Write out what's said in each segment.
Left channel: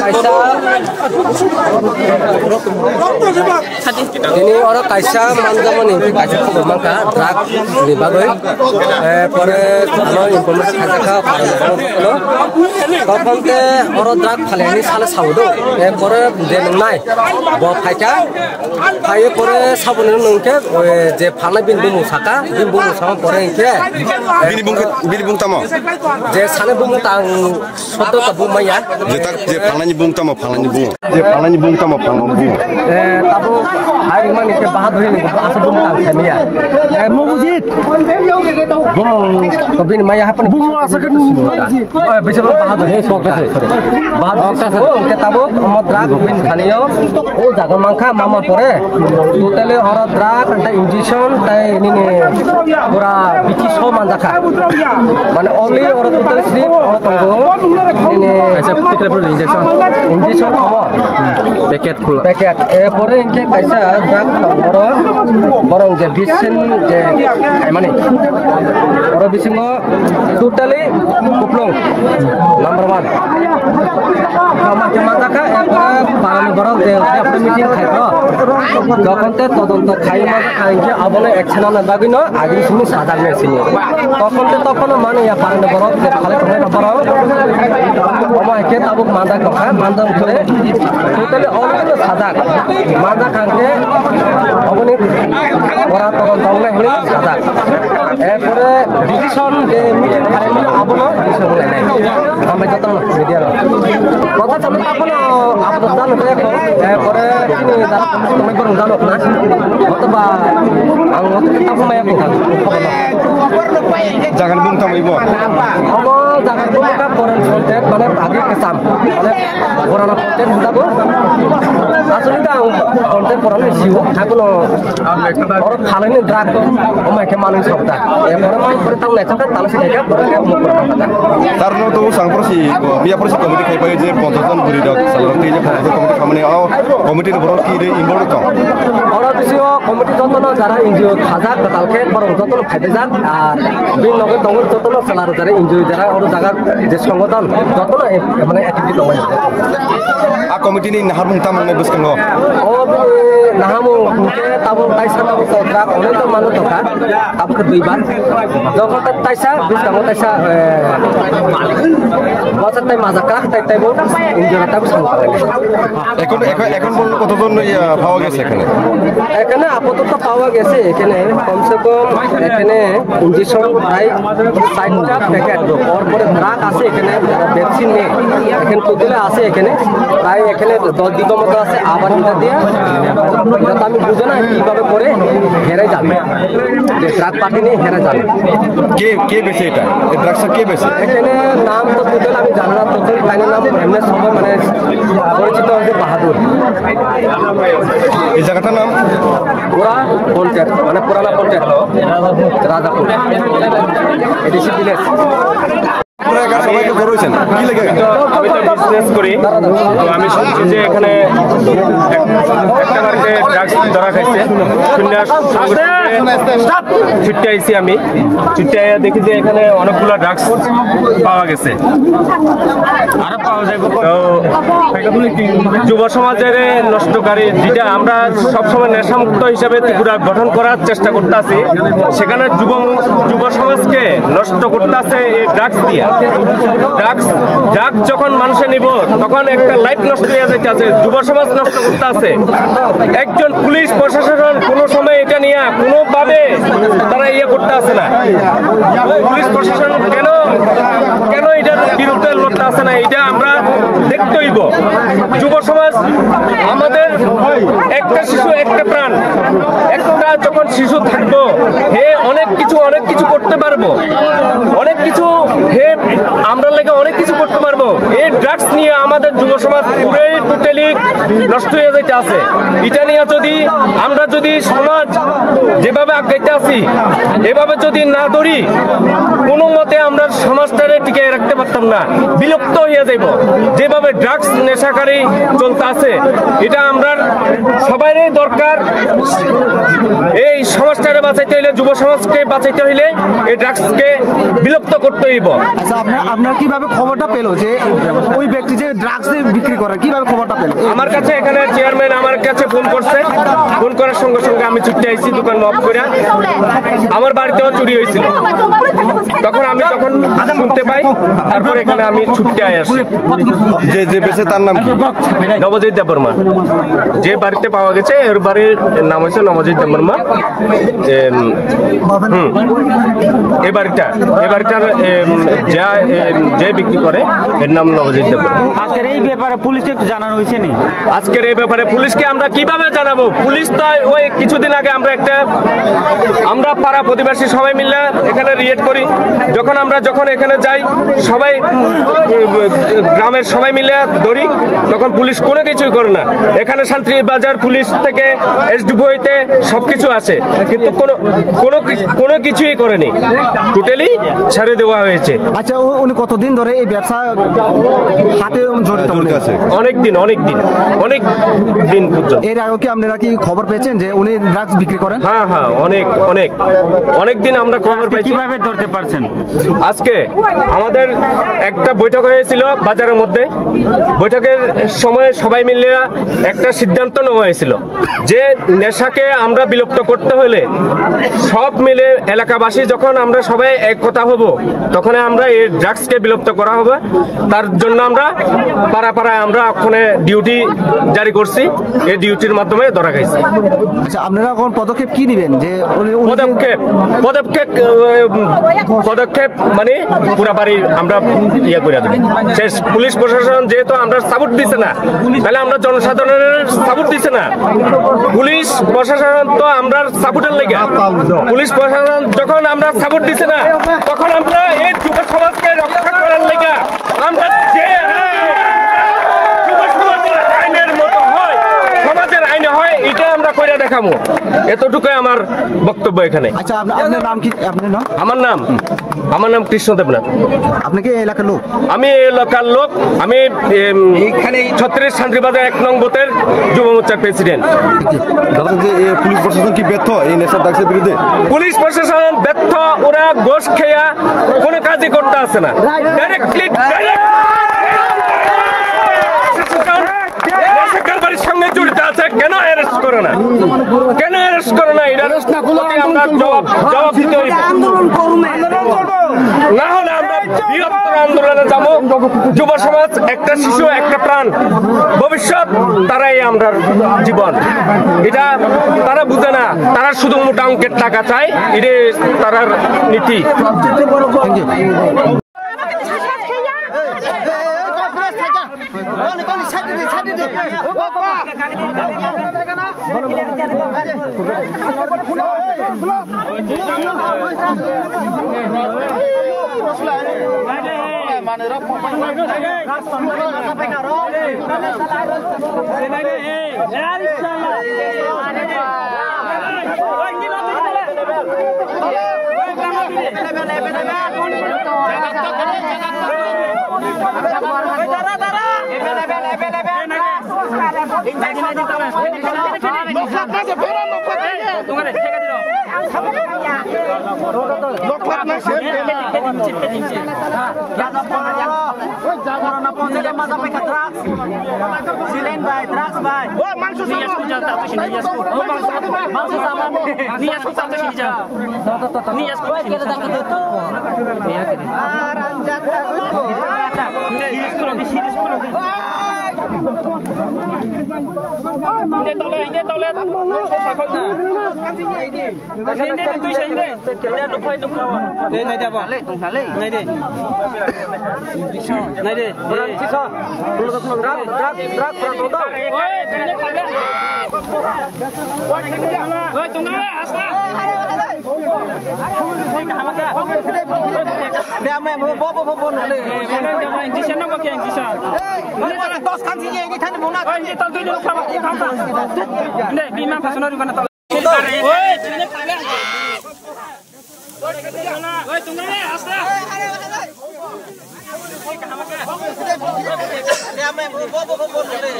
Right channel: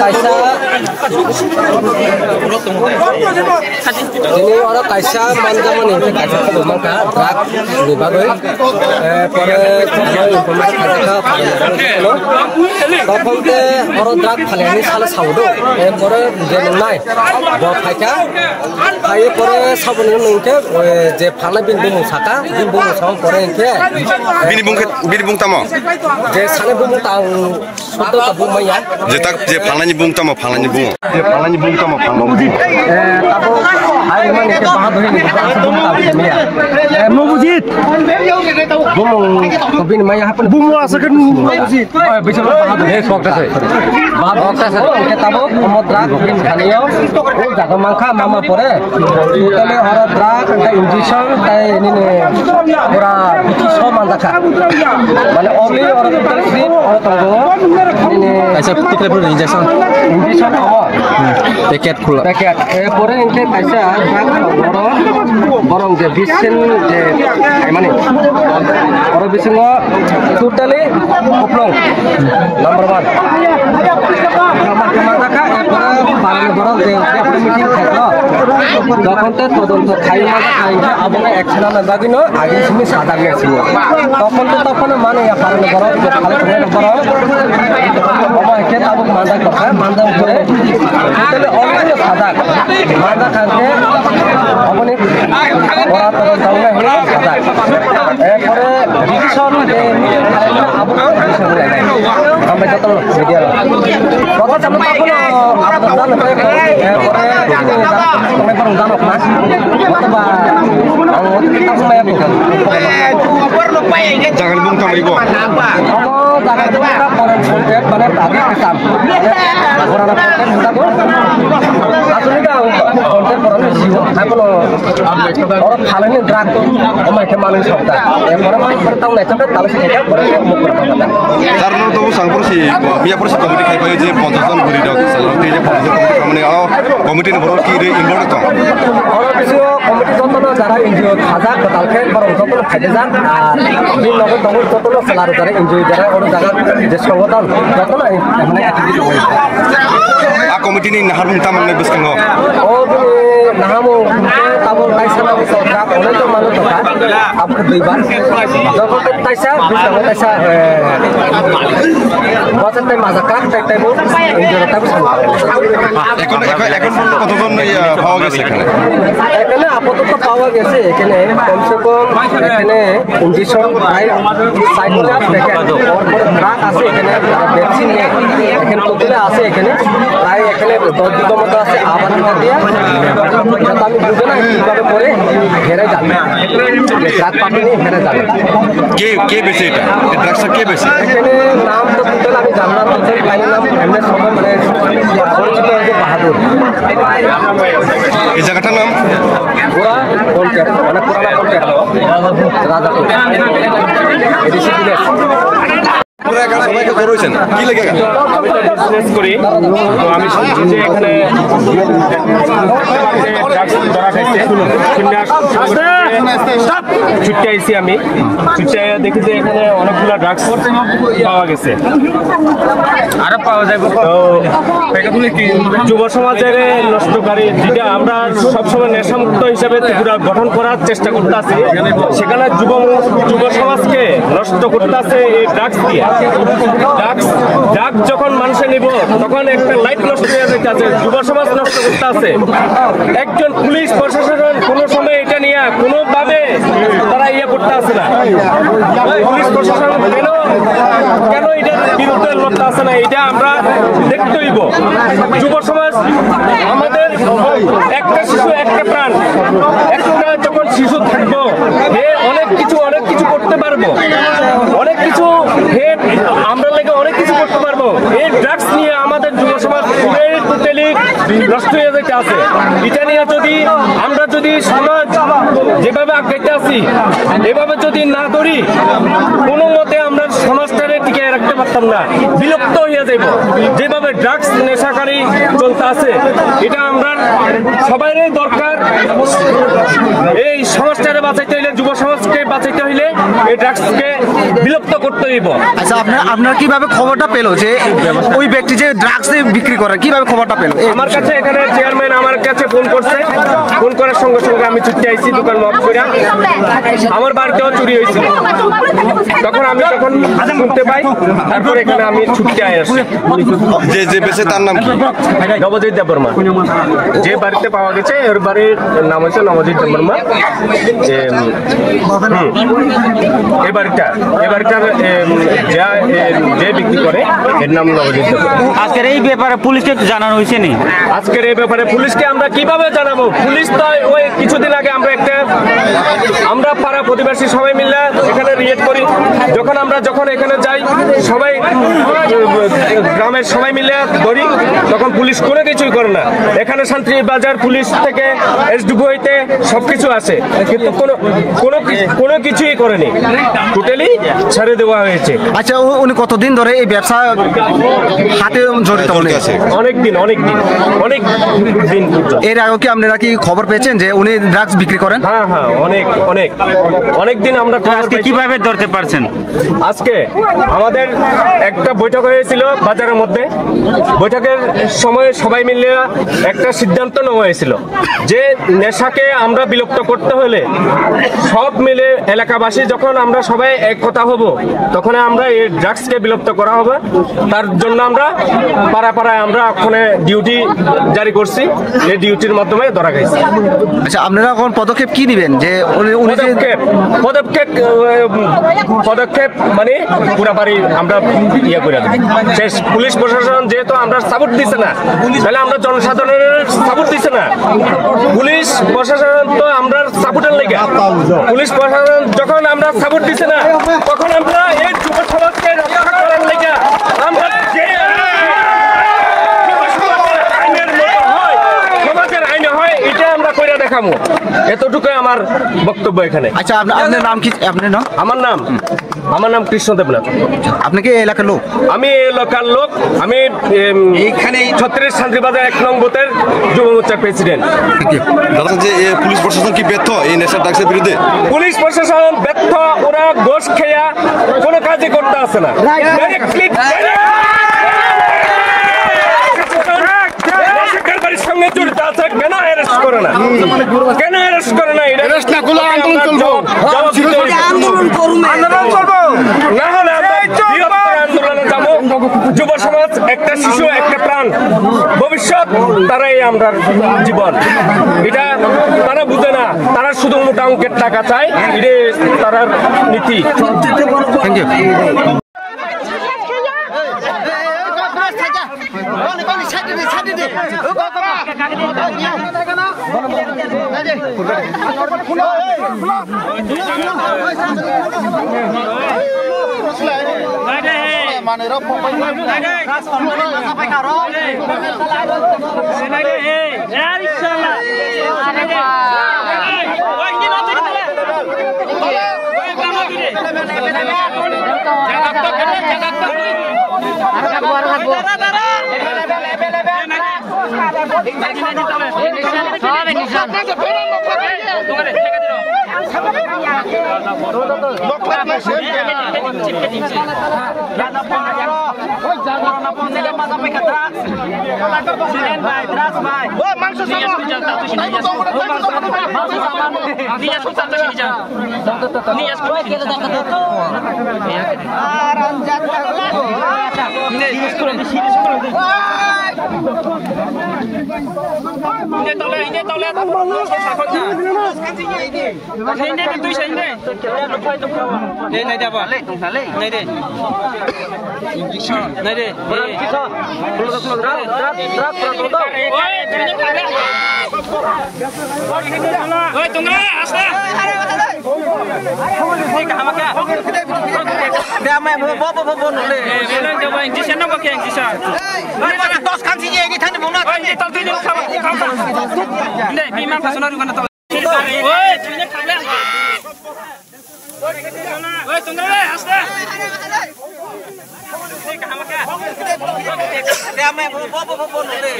kaisa ini orang kaisa manjamani kaisa mangka drug ni bagai pore kalau informasi kaisa ka parano tokon ke orang drug phaleni sala saudo pore denai bo phaika phaye pore sabun nungke je phala bin bung saka pore inke bini bung tamo je sana bung tang soto ta bung maya je tak je phalani bung tamo phalani bung je phalani bung tamo phalani tabo ai man ke bahar bhai ni bung tang familia mujit bung kabin maya hapan bung asakan mujit bicara bahar he sokta se bahar sokta se ke tabo amodrak bin khaniyo o jaga mangkha mama pore totally hara drug ta injection ta ini ne pura bici so mandaka mane only or total free or tango ini aisa total free injection awar packet khula packet e pore inke kaisa drug borong je bisen je mane oro bisingo totally kuplong number 1 mandaka e pore parane borong je apni meeting thaklo যখন তো তদন্ত খাইনা খাইবে আবনে action না দাবিনো আগে সিমি সাদা গেছিল তখন মানে পারনে বড় যে খালে করে বড় ওমা কে তাবু মান্দা করে তাহলে অনেক সাদা মান্দা খাতে অবনি ওরা তখন তাহলে হলো সাদা এরপরে ডিকশন যে মিটিং খাইনা আবনে ডিকশন লাগে আমরা যত মিডিয়া কথা চালু তাবো আপনারা জানেন এরপরে kami baru dapat mas, waktu jangan bungkam ibu. Kamu jangan bungkam orang konten, mana tadi kesam, orang konten kita bu, asli dah konten orang siu, aku lo orang halan ini drag, omai kemarin sokta, orang main bertahun lagi sampai talas ini orang yang mau bertahun kata. Karena itu sangkur sih, biar proses komite kayak aja pontosan beri dah, selalu dia pontosan komite kalau komite ini baru kiri impor kan. Kalau bisio komite contohnya cara injil khazak betalke baru contohnya khazak, di logo tanggung contohnya selalu cara injil cara orang jaga diskongotan, contohnya mana aktif itu. Komite ini nahar minta mengebis kengo. Oh, nahamu tahu taisa nabi sokrat, oleh itu malu tokat, apa kedriban, joko taisa, bisa taisa, bahasa tay mazakak, tay bu, injil tapi semua. Ekon কতজন পাওয়া গেছে এখানে আপাতত পাওয়া গেছে এখানে কমসে কম এখানে ইনজেকশন প্রায় 60টা প্যাকেট তারপরে ড্রাগ আছে এখানে ভ্যাকসিন নেই এখানে কতগুলো আছে এখানে প্রায় এখানে 10 বিঘা মতো আছে আবার দিয়া এটা আমি বুঝে না কিভাবে করে হেরে যাবে যে ড্রাগ পার্টি নিয়ে হেরে যাবে কে বেছে এটা এই ড্রাগসটা কে বেছে এখানে নাম তো টোটাল আমি জানলাম তো ফাইনাল নাম এমএস সবাই মানে পরিচিত হচ্ছে বাহাদুর এই জায়গাটার নাম পুরা কন্ট্যাক্ট মানে পুরানা কন্ট্যাক্ট রাজাপুর এডিসি ভিলেজ আমি তো বিজনেস করি তো আমি শুনছি যে এখানে ধরা খাইছে ছুটে আইছি আমি ছুটে দেখি যে এখানে অনেকগুলো ড্রাগস পাওয়া গেছে আরো পাওয়া যাবে যুব সমাজের নষ্টকারী যেটা আমরা সবসময় নেশামুক্ত হিসাবে ত্রিপুরা গঠন করার চেষ্টা করতেছি সেখানে যুব সমাজকে নষ্ট করতেছে এই ড্রাগস দিয়ে ড্রাগ যখন মানুষে নিব তখন একটা লাইফ নষ্ট হয়ে যাচ্ছে যুব সমাজ নষ্ট করতেছে একজন পুলিশ প্রশাসন কোনো সময় এটা নিয়ে কোনোভাবে তারা ইয়ে করতে আসে না পুলিশ প্রশাসন কেন এটার বিরুদ্ধে লড়তে আসে না এটা আমরা দেখতে হইব যুব সমাজ আমাদের একটা শিশু একটা প্রাণ একটা যখন শিশু থাকবো হে অনেক কিছু করতে পারবো অনেক কিছু হে আমরা লাগে অনেক কিছু করতে পারবো এই ড্রাগস নিয়ে আমাদের যুব সমাজ টোটালি নষ্ট হয়ে যেতে আছে এটা নিয়ে আমরা যদি সমাজ যেভাবে আগাইতে আছি এভাবে যদি না ধরি কোনো মতে আমরা সমাজটারে টিকে রাখতে পারতাম না বিলুপ্ত হয়ে যাইব যেভাবে ড্রাগস নেশাকারী চলতে আছে এটা আমরা সবারই দরকার এই সমাজটাকে বাঁচাইতে হইলে, যুব সমাজকে বাঁচাইতে হইলে এই ড্রাগসকে বিলুপ্ত করতে হইব। আচ্ছা, আপনার কিভাবে খবরটা পেলো যে ওই ব্যক্তি যে ড্রাগস বিক্রি করে, কিভাবে খবরটা পেলো? আমার কাছে এখানে চেয়ারম্যান আমার কাছে ফোন করছে, ফোন করার সঙ্গে সঙ্গে আমি ছুটে আইছি দোকান লক করে। আমার বাড়িতেও চুরি হয়েছিল, তখন শুনতে পাই, তারপর এখানে আমি ছুটতে আসছি। যে বেঁচে তার নাম কি? নবজিৎ দেববর্মা। যে বাড়িতে পাওয়া গেছে এর বাড়ির নাম হচ্ছে নবজিৎ দেববর্মা। এই বাড়িটার যে বিক্রি করে এর নাম নবজিৎ দেববর্মা। আজকের এই ব্যাপারে পুলিশকে জানানো হয়েছে নি? আজকের এই ব্যাপারে পুলিশকে আমরা কিভাবে জানাবো? পুলিশ তো ওই কিছুদিন আগে আমরা পাড়া প্রতিবেশী সবাই মিলে এখানে রিয়েট করি। যখন এখানে যাই সবাই গ্রামের সবাই মিলে ধরি, তখন পুলিশ কোনো কিছুই করে না। এখানে শান্তি বাজার পুলিশ থেকে এসডিপিওতে সবকিছু আছে, কিন্তু কোনো কিছুই করেনি, টোটালি ছেড়ে দেওয়া হয়েছে। আচ্ছা, উনি কতদিন ধরে এই ব্যবসা হাতে জড়িত? অনেক দিন। এর আগে কি আপনারা কি খবর পেয়েছেন যে উনি ড্রাগস বিক্রি করেন? হ্যাঁ, অনেক দিন আমরা খবর পাই। কিভাবে ধরতে পারছেন? আজকে আমাদের একটা বৈঠক হয়েছিল বাজারের মধ্যে। বৈঠকের সময় সবাই মিলে একটা সিদ্ধান্ত নেওয়া হয়েছিল যে নেশাকে আমরা বিলুপ্ত করতে হলে সব মিলে এলাকাবাসী যখন আমরা সবাই এক কথা হব, তখন আমরা এই ড্রাগসকে বিলুপ্ত করা হবে। তার জন্য আমরা পাড়ায় আমরা ওখানে ডিউটি জারি করছি, এই ডিউটির মাধ্যমে ধরা গেছে। আচ্ছা, আপনারা এখন পদক্ষেপ কি নেবেন? যে পদক্ষেপ মানে পুরা বাড়ি আমরা ইয়ে করে দেব শেষ। পুলিশ প্রশাসন যেহেতু আমরা সাপোর্ট দিচ্ছে না, তাহলে আমরা জনসাধারণের সাপোর্ট দিচ্ছে না। পুলিশ প্রশাসন তো আমরা সাপোর্টের লেগে, পুলিশ প্রশাসন যখন আমরা সাপোর্ট দিচ্ছে না, তখন আমরা এই যুব সমাজকে রক্ষা করার লেগে আমরা সমাজের আইনে হয় এটা আমরা করে দেখাবো। এতটুকুই আমার বক্তব্য এখানে। আচ্ছা, আপনার নাম কি? আমার নাম কৃষ্ণ দেবনাথ। আপনি কি এলাকার লোক? আমি এলাকার লোক। আমি এইখানে 36 শান্তিবাজার 1 নং বুথের যুব মোর্চার প্রেসিডেন্ট। যে পুলিশ প্রশাসন কি ব্যর্থ এই নেশার ড্রাগসের বিরুদ্ধে? পুলিশ প্রশাসন ব্যর্থ, ওরা ঘোষ খেয়া কোনো কাজই করতে আসে না। সঙ্গে জড়িত আছে, কেন অ্যারেস্ট করে না? আন্দোলনে যাবো। যুব সমাজ একটা শিশু, একটা প্রাণ, ভবিষ্যৎ, তারাই আমরা জীবন। এটা তারা বুঝে না, তারা শুধু মোটা অঙ্কের টাকা চায়, এটা তারার নীতি। Thank you. Dia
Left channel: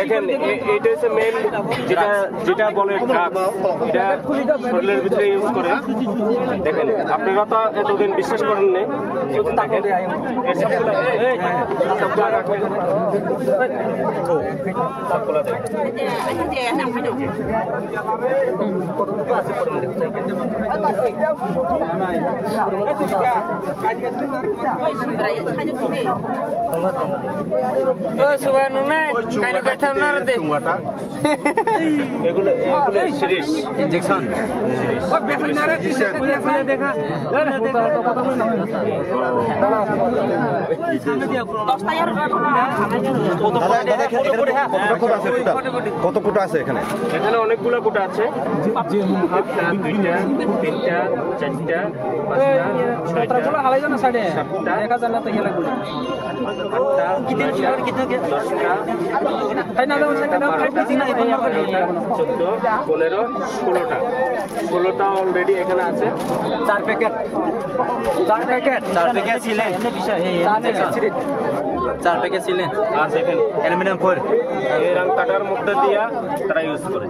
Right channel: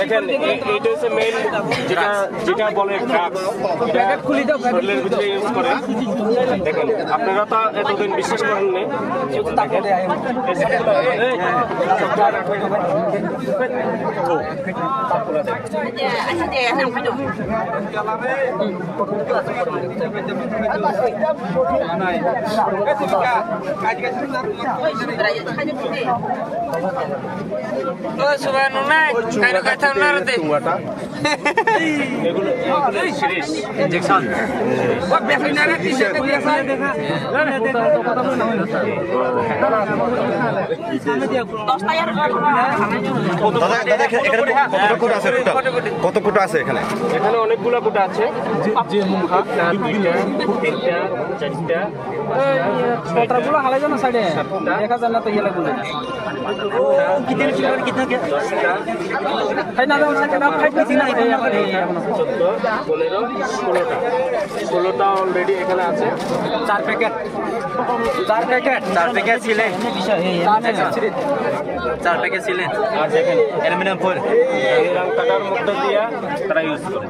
দেখেন এইটা হচ্ছে মেইন যেটা বলে ড্রাগস, শরীরের ভিতরে ইউজ করে। দেখেন আপনারা তো এতদিন বিশ্বাস করেন নি, এগুলো সিরিজ ইনজেকশন। কত কোটা আছে এখানে? এখানে অনেকগুলো কোটা আছে, 2টা 3টা 4টা 5টা 16টা অলরেডি এখানে আছে। 4 প্যাকেট ছিলেন, 4 প্যাকেট ছিলেন। আর দেখেন অ্যালুমিনিয়াম ফয়েল এই রং কাটার মধ্যে দিয়ে তারা ইউজ করে।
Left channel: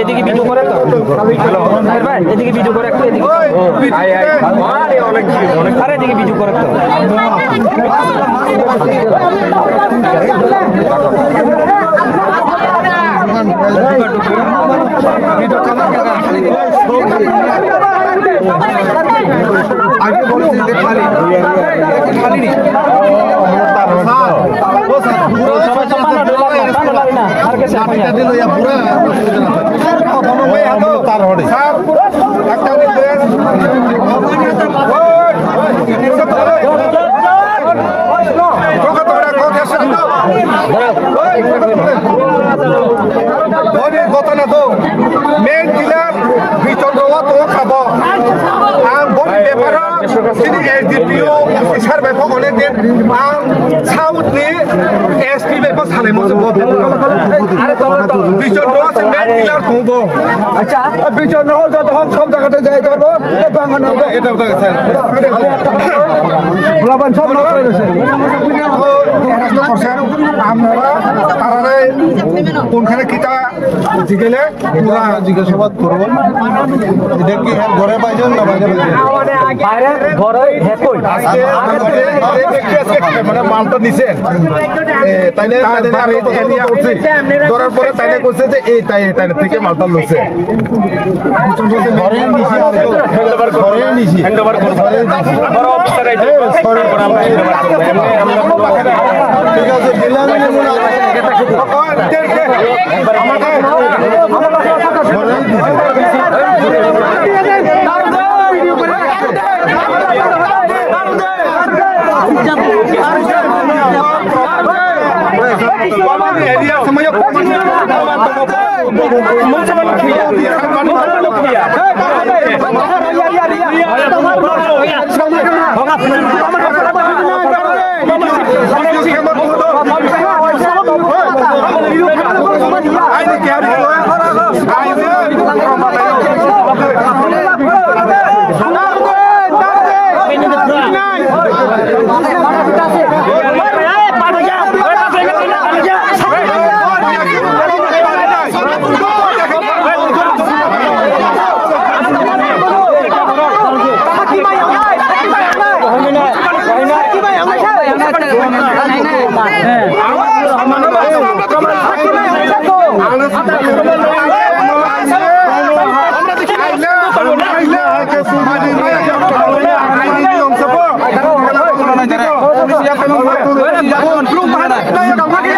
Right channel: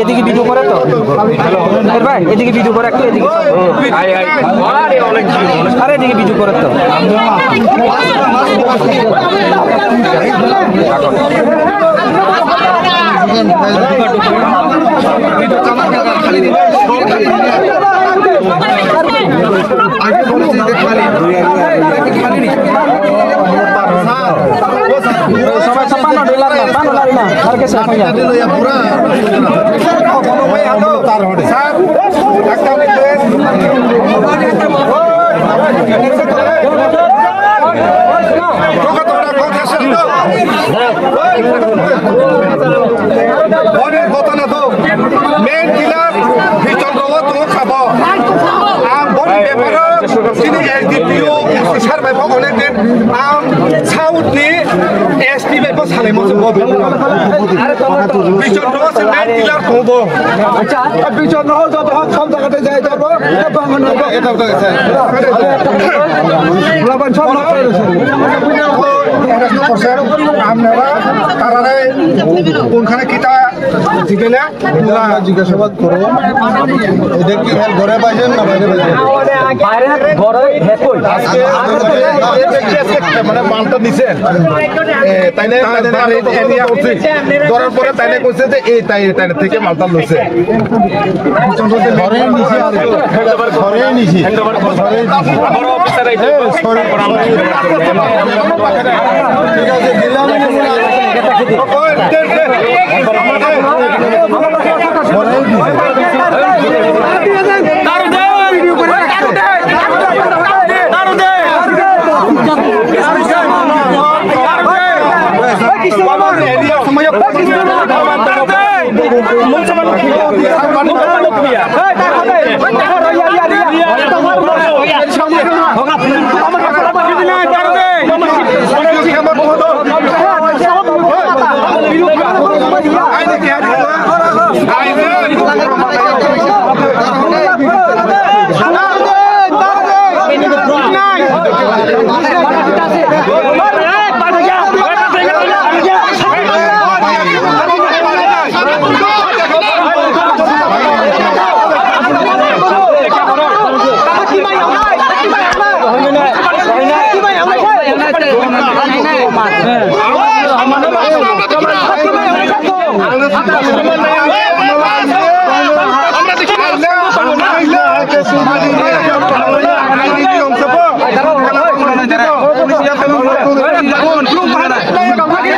এদিকে ভিডিও করে তো ভাই এদিকে ভিডিও করে একটু এদিকে অনেক আরে এদিকে ভিডিও করে তো কোনখানে কিতা জিগেলে জিজ্ঞাসাবাদ করবো ঘরে পাইছেন না মানে মালটা নিছেন তাইলে ধরার পরে তাইলে কইছে যে এই তাইলে থেকে মালটা লইছে ঘরে নিছি ঠিক আছে Belum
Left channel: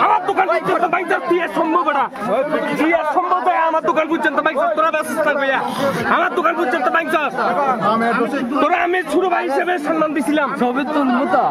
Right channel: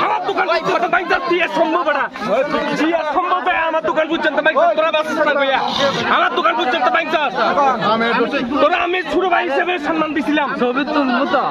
আমার দোকান পর্যন্ত বাইক দিয়ে সম্ভব না সম্ভব আমার দোকান পর্যন্ত বাইক তোরা ব্যবস্থা করবে আমার দোকান পর্যন্ত বাইক তোরা আমি ছোট ভাই হিসেবে সম্মান দিছিলাম ছবি তুলবো তো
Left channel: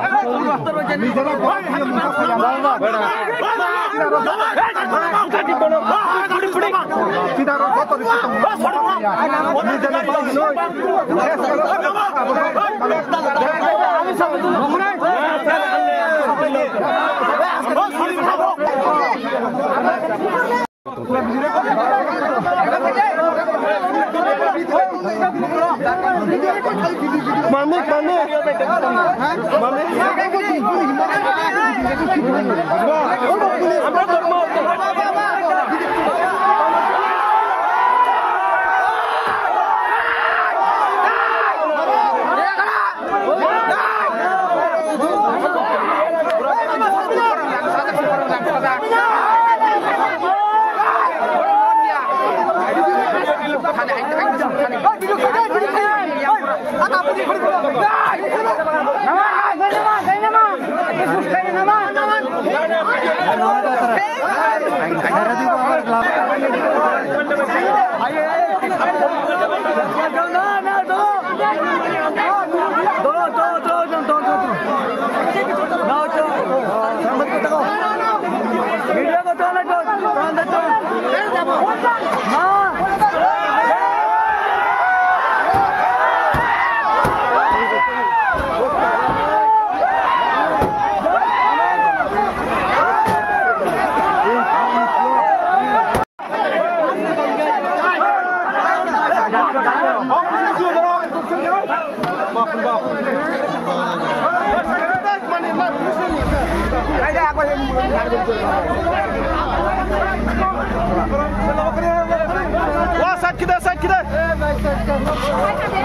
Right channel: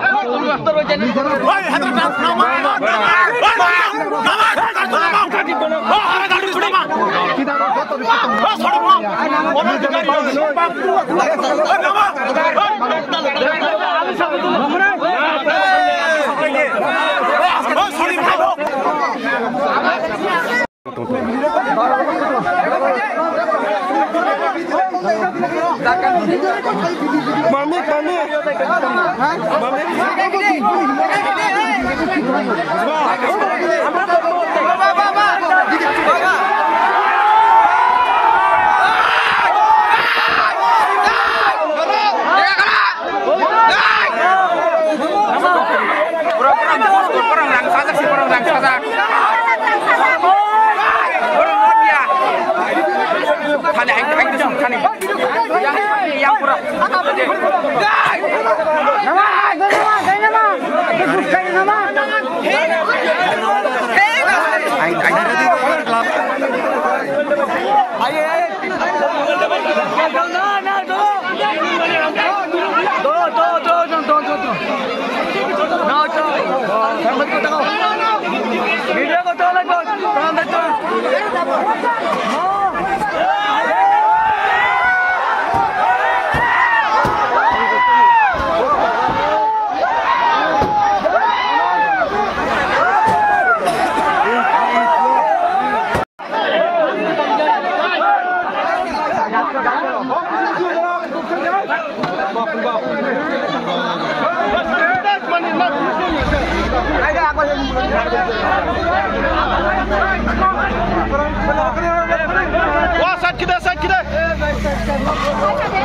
Saat kita.